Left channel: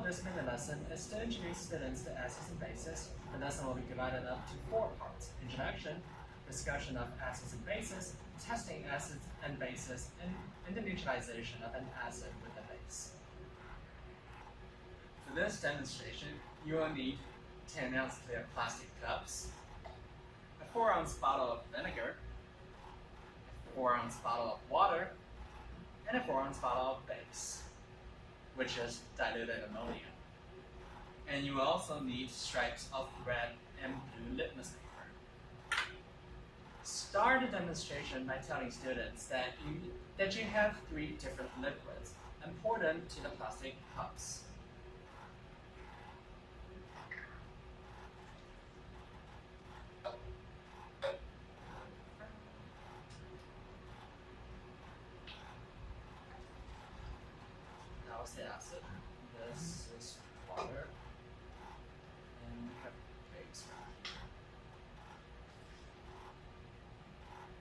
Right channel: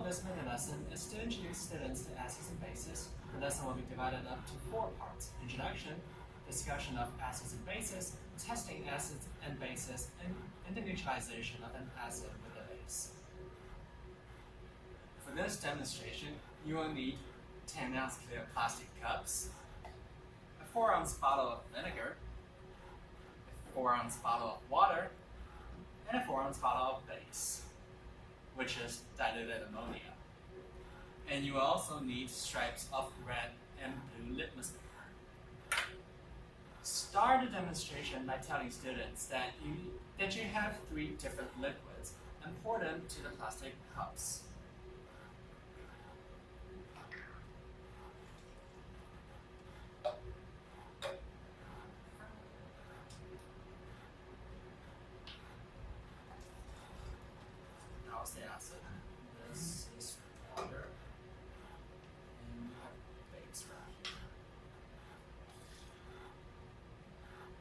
of this mini lesson is to introduce students to acids and bases. The lesson will be divided up to 4 parts: introduction, discussion of acids and bases, testing acids and bases, and the neutralization of an acid with a base. For this demonstration, you will need 10-ounce clear plastic cups, a 4-ounce bottle of vinegar, a 4-ounce bottle of water, and a 4-ounce bottle of base, which is diluted ammonia. And you will also need stripes of red and blue litmus paper. Start the demonstration by telling students that you have 3 different liquids and pour them to the plastic cups. That was the acid. This is water. And we have base right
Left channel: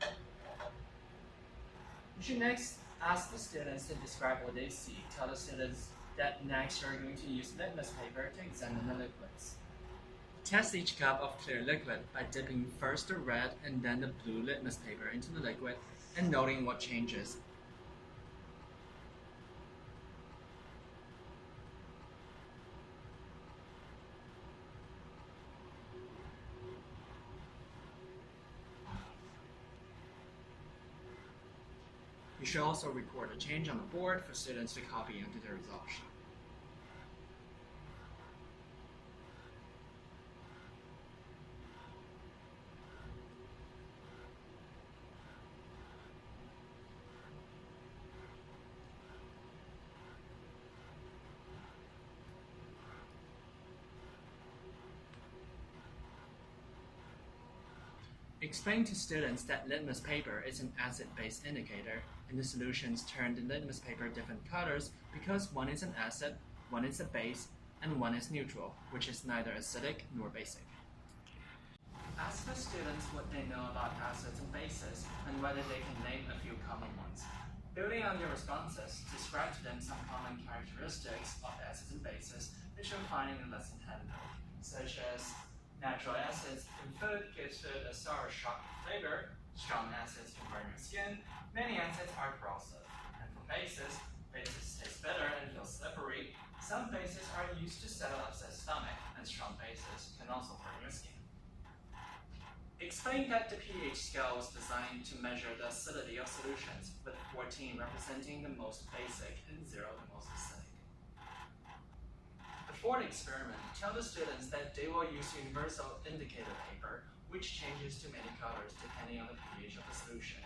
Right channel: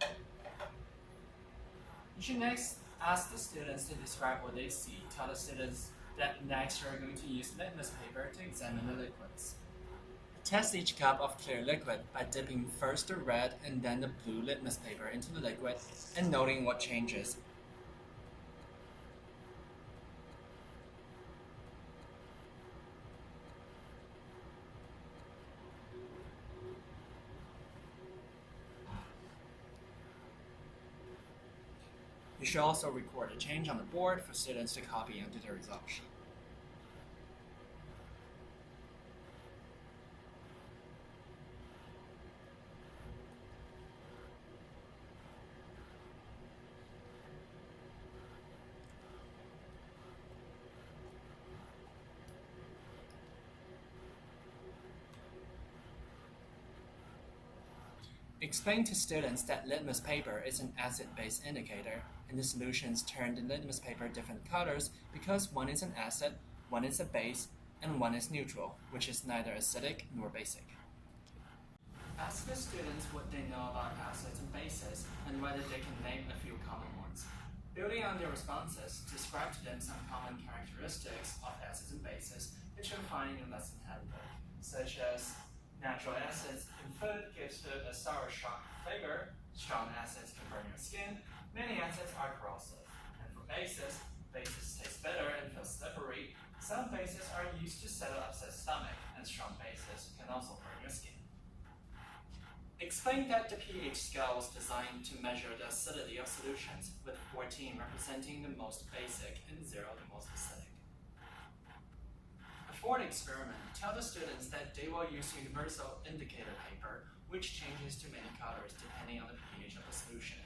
here. You should next ask the students to describe what they see. Tell the students that next you're going to use litmus paper to examine the liquids. Test each cup of clear liquid by dipping first the red and then the blue litmus paper into the liquid and noting what changes. You should also record a change on the board for students to copy into the result sheet. Explain to students that litmus paper is an acid-base indicator, and the solutions turn the litmus paper different colors because one is an acid, one is a base, and one is neutral, which is neither acidic nor basic. Ask the students what they know about acids and bases and whether they can name a few common ones. Building on their responses, describe to them some common characteristics of acids and bases that you'll find in the lesson handbook, such as natural acids in food gives food a sour, sharp flavor. Strong acids can burn your skin. Many acids are corrosive. And for bases taste better and feel slippery. Some bases are used to settle upset stomach, and strong bases can also burn your skin. Explain that the pH scale was designed to measure the acidity of solutions, with 14 representing the most basic and 0 the most acidic. Before the experiment, tell the students that they will use universal indicator paper, which changes to many colors depending on the pH of the solution.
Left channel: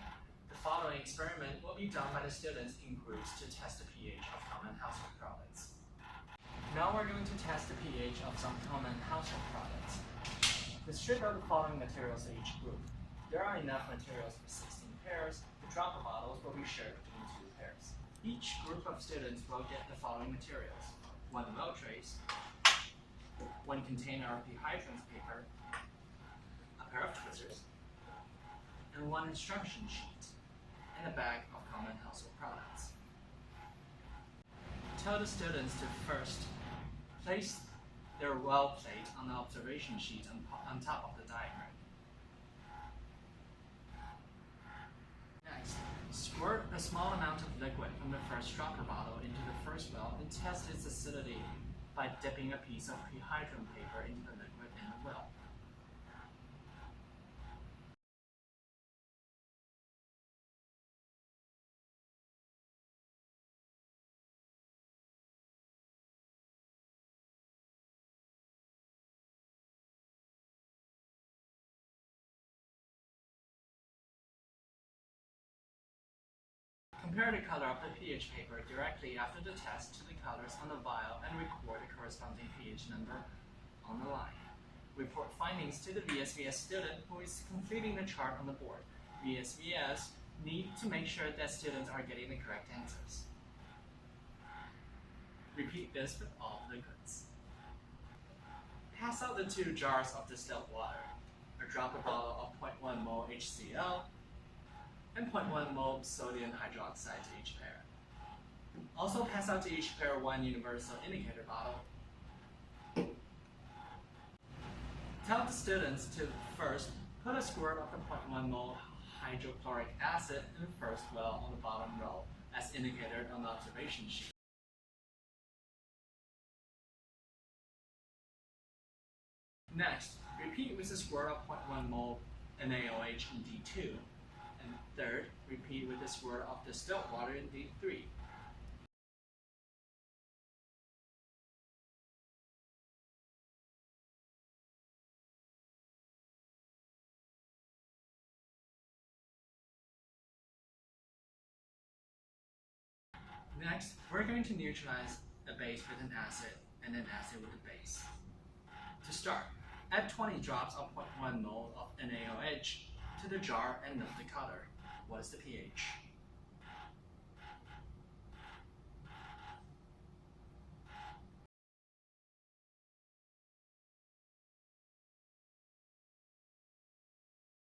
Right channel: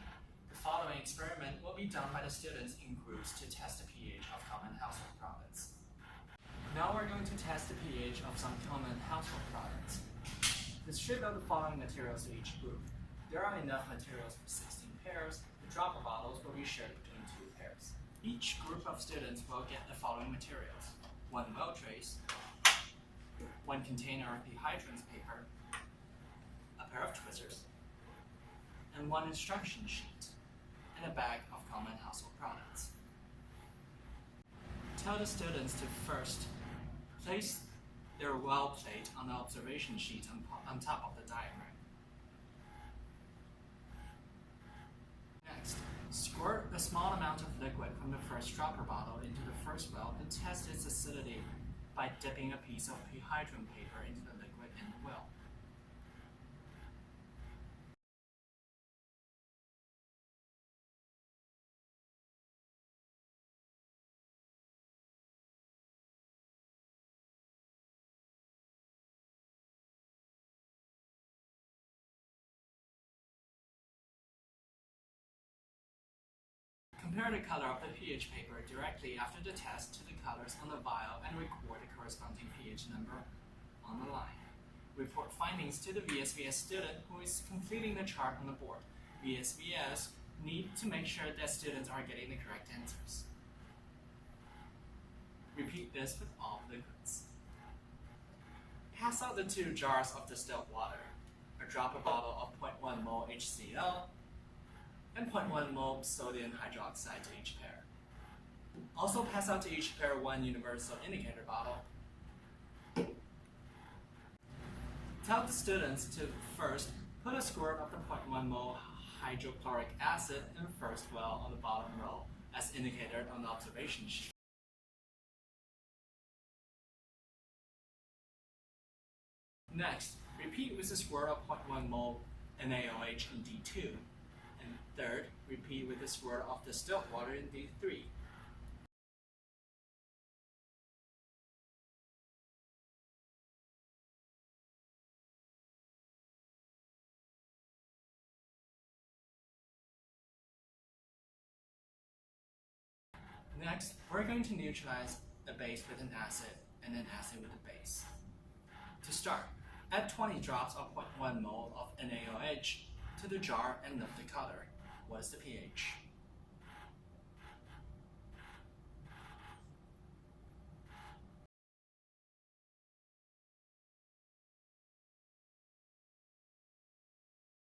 The following experiment will be done by the students in groups to test the pH of common household products. Now we're going to test the pH of some common household products. Distribute the following materials to each group. There are enough materials for 16 pairs. The dropper bottles will be shared between 2 pairs. Each group of students will get the following materials: 1 well trace, 1 container of hydrants paper, a pair of tweezers, and 1 instruction sheet, and a bag of common household products. Tell the students to first place their well plate on the observation sheet on top of the diagram. Next, squirt a small amount of liquid from the first dropper bottle into the first well and test its acidity by dipping a piece of hydrant paper into the liquid in the well. Compare the color of the pH paper directly after the test to the colors on the vial and record the corresponding pH number on the line. Report findings to the VSVS student who is completing the chart on the board. VSVS need to make sure that students are getting the correct answers. Repeat this with all liquids. Pass out the 2 jars of distilled water, a dropper bottle of 0.1 mol HCl, and 0.1 mol sodium hydroxide to each pair. Also pass out to each pair one universal indicator bottle. Tell the students to first put a squirt of the 0.1 mole hydrochloric acid in the first well on the bottom row, as indicated on the observation sheet. Next, repeat with a squirt of 0.1 mole NaOH in D2. And third, repeat with a squirt of distilled water in D3. Next, we're going to neutralize a base with an acid and an acid with a base. To start, add 20 drops of 0.1 mole of NaOH to the jar and lift the color. What is the pH?